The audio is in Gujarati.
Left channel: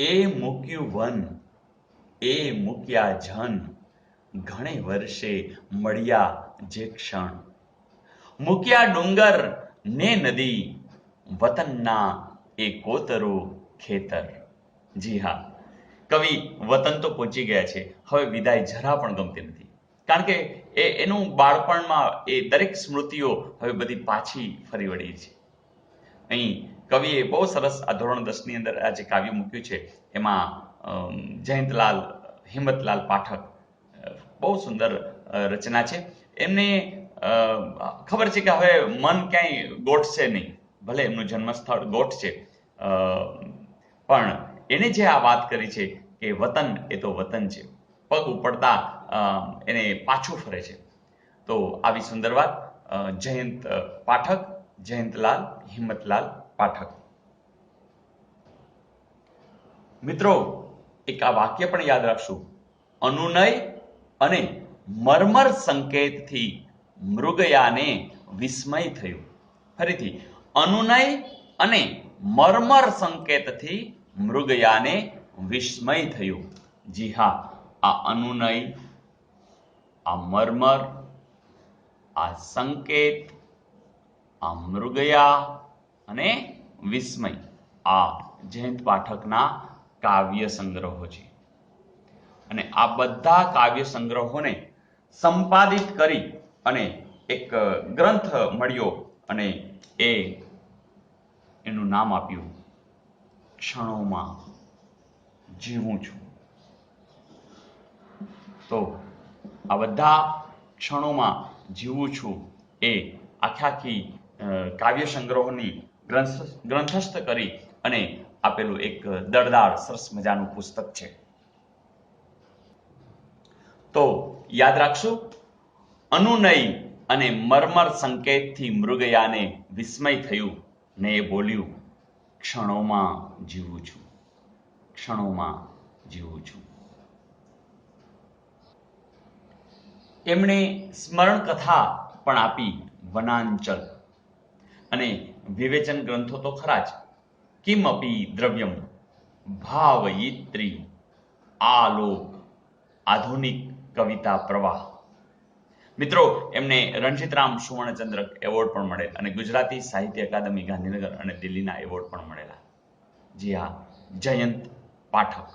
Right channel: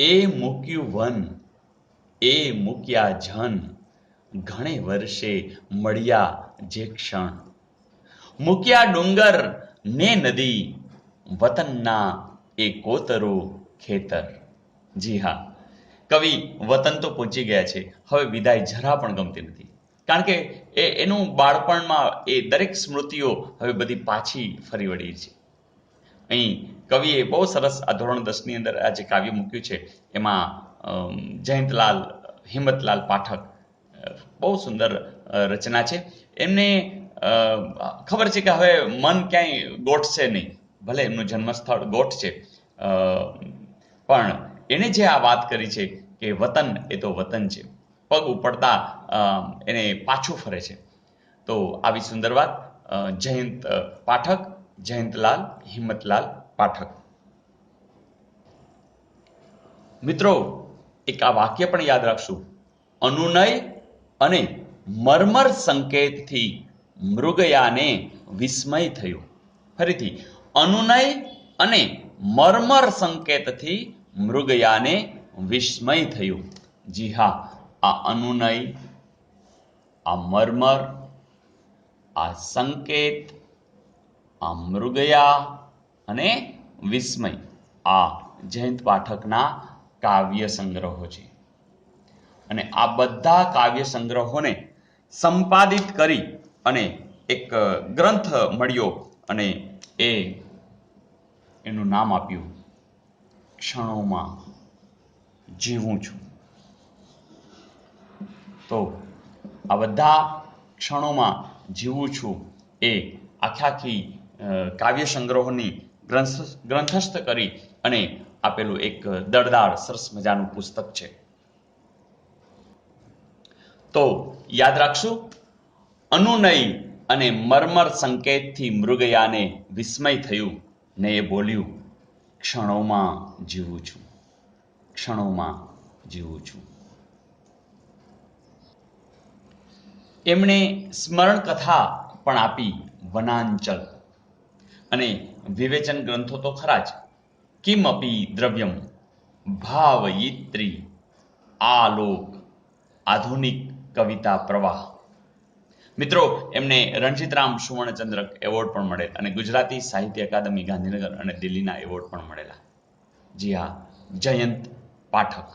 એ મૂક્યું વન એ મૂક્યા જન, ઘણે વર્ષે મળ્યા જે ક્ષણ. મૂક્યા ડુંગર ને નદી, વતનના એ કોતરો ખેતર. જી હા, કવિ વતન તો પહોંચી ગયા છે, હવે વિદાય જરા પણ ગમતી નથી. કારણ કે એનું બાળપણમાં એ દરેક સ્મૃતિઓ હવે બધી પાછી ફરી વળી છે. અહીં કવિએ બહુ સરસ આ ધોરણ 10 ની અંદર આ જે કાવ્ય મૂક્યું છે એમાં જયંતલાલ હિંમતલાલ પાઠક બહુ સુંદર રચના છે. એમને ખબર છે કે હવે મન ક્યાંય ગોઠશે નહીં, ભલે એમનું જન્મસ્થળ ગોઠ છે, પણ એને જે આ વાત કરી છે કે વતન એ તો વતન છે, પગ ઉપડતા એને પાછું ફરે છે. તો આવી સુંદર વાત જયંત પાઠક, જયંતલાલ હિંમતલાલ પાઠક. મિત્રો, એક આ વાક્ય પણ યાદ રાખશું, અનુનય અને મર્મર સંકેતથી મૃગયાને વિસ્મય થયું. ફરીથી, અનુનય અને મર્મર સંકેતથી મૃગયાને વિસ્મય થયું. જી હા, આ અનુનય, આ મર્મર, આ સંકેત, આ મૃગયા અને વિસ્મય, આ જયંત પાઠકના કાવ્ય સંગ્રહો છે. અને આ બધા કાવ્ય સંગ્રહોને સંપાદિત કરી અને એક ગ્રંથ મળ્યો અને એનું નામ આપ્યું ક્ષણોમાં જીવું છું. તો આ બધા ક્ષણોમાં જીવું છું એ આખી કાવ્ય સંગ્રહોની ગ્રંથસ્થ કરી અને આપેલું એક દળદાર સરસ મજાનું પુસ્તક છે. તો યાદ રાખશું, અનુનય અને મર્મર સંકેતથી મૃગયાને વિસ્મય થયું ને એ બોલ્યું, ક્ષણોમાં જીવું છું, ક્ષણોમાં જીવું છું. એમણે સ્મરણ કથા પણ આપી, વનાંચલ, અને વિવેચન ગ્રંથો તો ખરા જ, કિમપી દ્રવ્યમ, ભાવયિત્રી, આલોક, આધુનિક કવિતા પ્રવાહ. મિત્રો, એમને રણજીતરામ સુવર્ણચંદ્રક એવોર્ડ પણ મળેલ અને ગુજરાતી સાહિત્ય અકાદમી ગાંધીનગર અને દિલ્હીના એવોર્ડ પણ મળેલા. જી હા, જયંત પાઠક.